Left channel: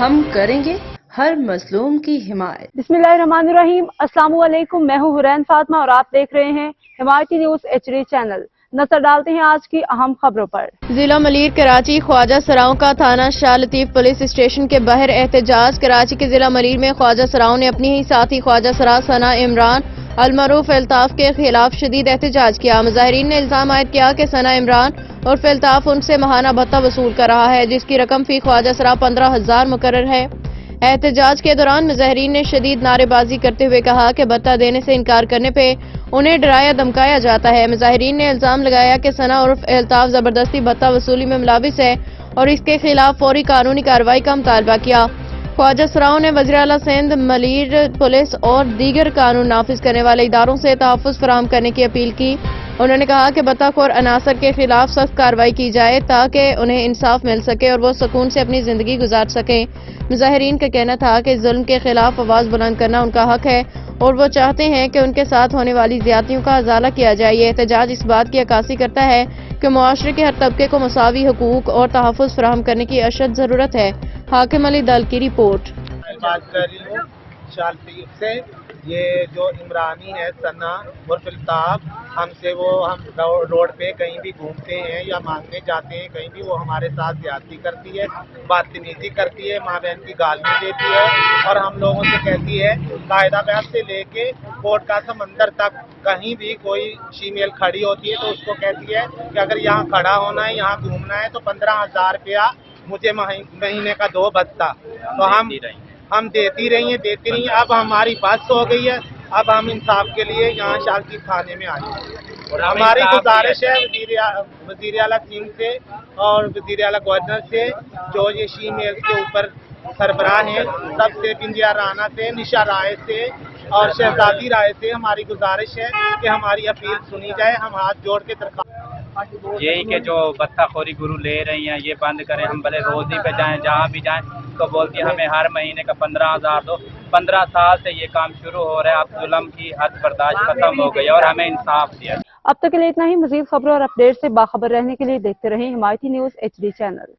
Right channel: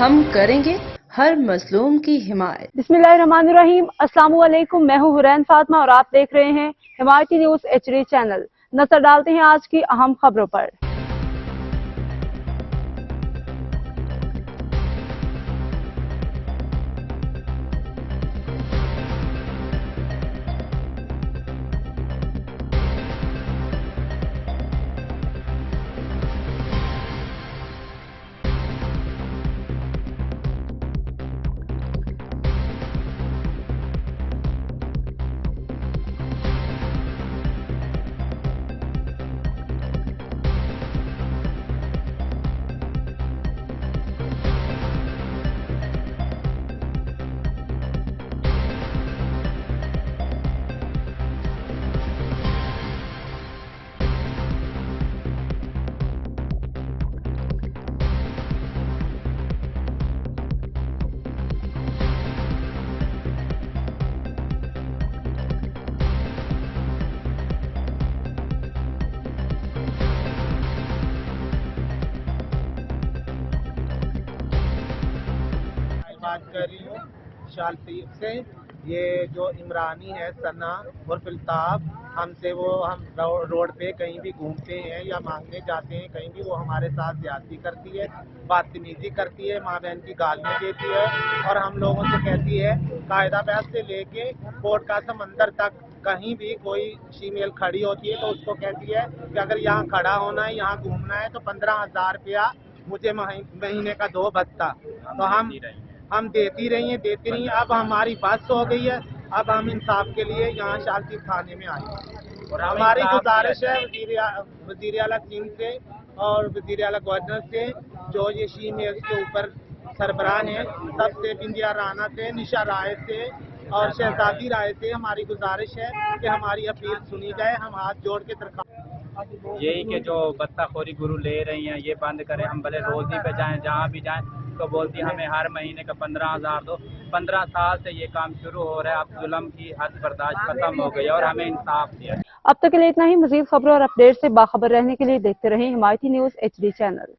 ہم کریں گے ہر مظلوم کی حمایت۔ بسم اللہ الرحمن الرحیم۔ السلام علیکم، میں ہوں حرین فاطمہ اور آپ دیکھ رہے ہیں حمایتی نیوز HD چینل۔ نظر ڈالتے ہیں آج کی اہم خبروں پر۔ ضلع ملیر کراچی خواجہ سراؤں کا تھانہ شاہ لطیف پولیس اسٹیشن کے باہر احتجاج۔ کراچی کے ضلع ملیر میں خواجہ سراؤں نے اپنی ہی ساتھی خواجہ سرا ثنا عمران المعروف الطاف کے خلاف شدید احتجاج کیا۔ مظاہرین نے الزام عائد کیا کہ ثنا عمران اور الطاف ان سے ماہانہ بھتہ وصول کر رہا ہے، جس کی رقم فی خواجہ سرا 15,000 مقرر ہے۔ احتجاج کے دوران مظاہرین نے شدید نعرے بازی کرتے ہوئے کہا کہ بھتہ دینے سے انکار کرنے پہ انہیں ڈرایا دھمکایا جاتا ہے۔ مظاہرین نے الزام لگایا کہ ثنا عرف الطاف زبردستی بھتہ وصولی میں ملوث ہے اور اس کے خلاف فوری قانونی کارروائی کا مطالبہ کیا۔ خواجہ سراؤں نے وزیر اعلیٰ سندھ، ملیر پولیس اور دیگر قانون نافذ کرنے والے اداروں سے تحفظ فراہم کرنے کی اپیل کی۔ انہوں نے کہا کہ بھتہ خور عناصر کے خلاف سخت کارروائی کی جائے تاکہ انہیں انصاف مل سکے اور وہ سکون سے اپنی زندگی گزار سکیں۔ مظاہرین کا کہنا تھا کہ ظلم کے خلاف آواز بلند کرنا ان کا حق ہے اور وہ چاہتے ہیں کہ ان کے ساتھ ہونے والی زیادتیوں کا ازالہ کیا جائے۔ یہ احتجاج اس بات کی عکاسی کرتا ہے کہ معاشرے کے ہر طبقے کو مساوی حقوق اور تحفظ فراہم کرنے کی اشد ضرورت ہے۔ حاکم علی دل کی رپورٹ۔ بات کر رہی ہوں شاہ لطیف سے۔ یہ جو عمرانی ہے ثنا اور الطاف، ہم روڈ پہ کہیں بھی گھومتے ہیں یا مانگنے جاتے ہیں کہیں بھی، وہ ہمارے ساتھ زیادتی کرتی ہے، بدتمیزی کرتی ہے، ماں بہن کی گالیاں دیتی ہے اور ہم لوگوں سے کہتی ہے قاعدہ بیعت سے لے کے کوٹ کا سمندر تک کہیں بھی کوئی شیمیل کھڑی ہوتی ہے تو اس کو کہتی ہے کہ اگر یہاں کھڑا ہونا ہے، یہاں گھومنا ہے تو 15,000 روپیہ مجھے مہینے کا دو بھتہ۔ تو ہم دیتی رہی ہیں۔ اب ہماری بس ہو گئی ہے، اب ہم انصاف کے لیے یہاں شاہ لطیف تھانے میں آئے ہیں اور ہماری گزارش ہے وزیر اعلیٰ سندھ سے اور وزیر اعلیٰ گورنر سے، جو یہ شیمیل کے اوپر سربراہ ہیں، سب سے، بنجیا رانا سے، نشا رائے سے اور شہزادی رائے سے ہماری گزارش ہے کہ ہماری اپیل سنی جائے۔ ہم ہاتھ جوڑ کے درخواست یہی کہ جو بھتہ خوری گرو لے رہی ہیں یہ بند کریں۔ ہم بھلے روزی پہ جائیں، جہاں بھی جائیں تو بولتی ہیں ہمیں ہر مہینے کا 15,000 دو۔ 15 سال سے یہ کام شروع ہو رہا ہے، اب ظلم کی حد برداشت ختم ہو گئی اور ہمیں انصاف دیا۔ اب تک کے لیے اتنا ہی۔ مزید خبروں اور اپڈیٹ سے باخبر رہنے کے لیے دیکھتے رہیں حمایتی نیوز HD چینل۔